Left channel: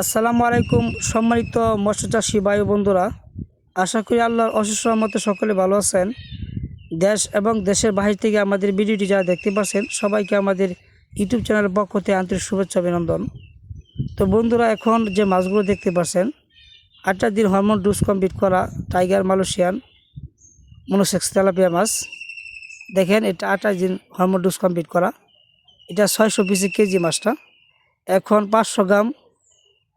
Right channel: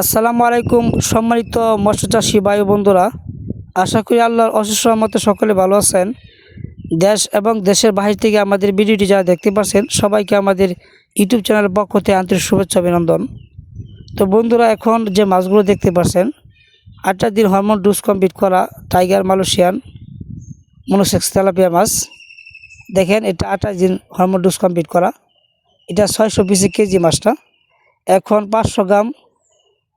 আসসালামু আলাইকুম, সম্মানিত মৎস্য চাষী ভাই ও বন্ধুরা। আশা করি আল্লাহর অশেষ মতো সকলে ভালো আছেন। দেশ এবং দেশের বাহির থেকে আমাদের ভিডিওটি যারা দেখতে পাচ্ছেন, সবাইকে আমাদের ইউটিউব চ্যানেলের পক্ষ থেকে আন্তরিক শুভেচ্ছা, অভিনন্দন। তো বন্ধুরা, এখন যে মাছগুলো দেখতে পাচ্ছেন আটটা দিন হরমোন ডোজ কমপ্লিট করা টাইগার মালয়েশিয়ান মনোসেক্স তেলাপিয়া মাছ। দেখেন, এটা আঠাশ দিন হরমোন ডোজ কমপ্লিট করা। এটা ছয়শো পিসি কেজি মাছটা। এখন পাঁচশো গ্রাম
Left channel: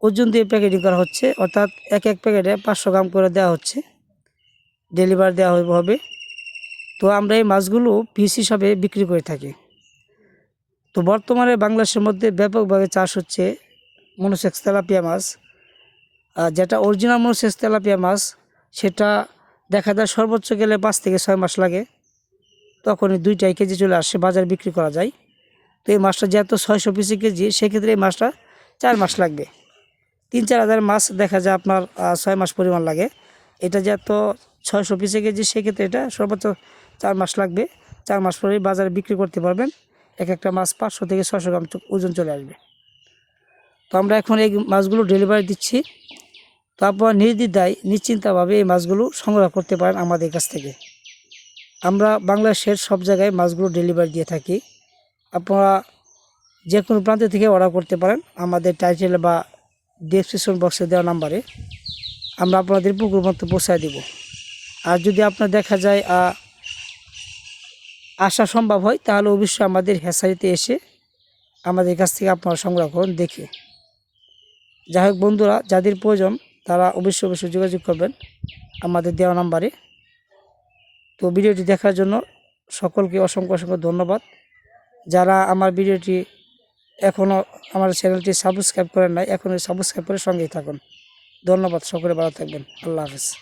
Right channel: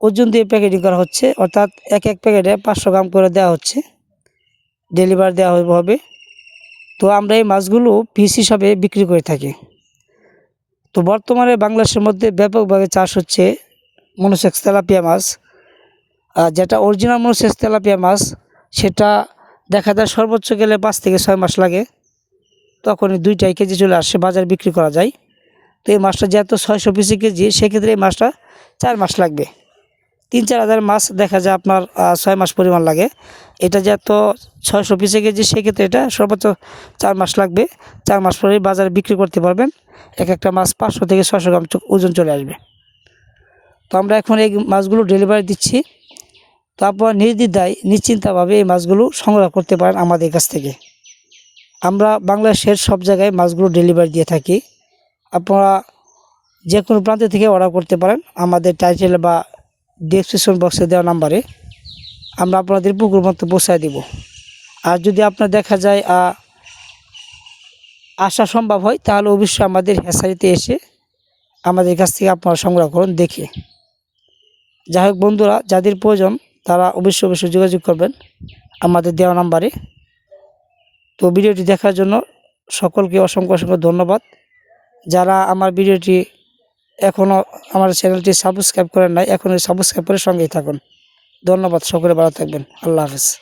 ওজন দিয়ে প্যাকেটিং করা হচ্ছে, অর্থাৎ এক এক প্যাকেটে পাঁচশো গ্রাম করে দেওয়া হচ্ছে ডেলিভারি দেওয়া হবে। তো আমরা এই মাছগুলো পিস হিসাবে বিক্রি করে থাকি। তো বর্তমানে বাংলাদেশের মধ্যে ব্যাপকভাবে চাষ হচ্ছে মনোসেক্স তেলাপিয়া মাছ। যেটা অরিজিনাল মনোসেক্স তেলাপিয়া মাছ, সেটা দেখা যায় সর্বোচ্চ গেলে পাঁচ থেকে ছয় মাস লাগে। তখনই দুইটাই কেজি চলে আসে, বাজার বিক্রি করা যায়। তো এই মাছটা যেহেতু ছয়শো পিসি কেজি, সেক্ষেত্রে এই মাছটা চার মাস লাগবে। তিন চার হাজার মাছ দেখা যায় আপনার ছয় মাস পরিমাণ লাগে। এটা যেহেতু ছয়শো পিসে কেজি, সেক্ষেত্রে এটা সর্বোচ্চ চার মাস লাগবে। চার মাস পরে বাজারে বিক্রি করতে পারবেন। এক একটা মাছ পাঁচশো থেকে ছশো গ্রাম ওজন চলে আসবে। তো আমরা এখন এই মাছগুলো ডেলিভারি দিচ্ছি। তারপর নির্দ্বিধায়, নিশ্চিন্তভাবে এই মাছগুলো সংগ্রহ করতে পারেন আমাদের কাছ থেকে। আমরা বাংলাদেশের সব জায়গায় মাছগুলো ডেলিভারি দিয়ে থাকি। আপনারা যে কোনো প্রান্ত থেকে অর্ডার করতে পারেন। আমাদের টাইটেল বা ডিসক্রিপশন বক্সে দেওয়া নাম্বারে আমরা আপনাদের পুকুর মতো পৌঁছায় দিব। আর যদি আপনার দেখা যায় আসা সম্ভব হয়, তাহলে অবশ্যই আমাদের হেসারিতে এসে আমাদের কাছ থেকে আপনারা সংগ্রহ করুন, দেখে। যাই হোক বন্ধুরা, যাদের প্রয়োজন তারা অবশ্যই অবশ্যই যোগাযোগ করবেন আমাদের দেওয়া নাম্বারে তো ভিডিওটি দেখার জন্য সকলকে অসংখ্য অসংখ্য ধন্যবাদ। যারা আমার ভিডিওটি এখনও আমার চ্যানেলটি সাবস্ক্রাইব করেন নাই, এখনই সাবস্ক্রাইব করে সঙ্গেই থাকুন। ধন্যবাদ, সকলে ভালো থাকবেন। আল্লাহ হাফেজ।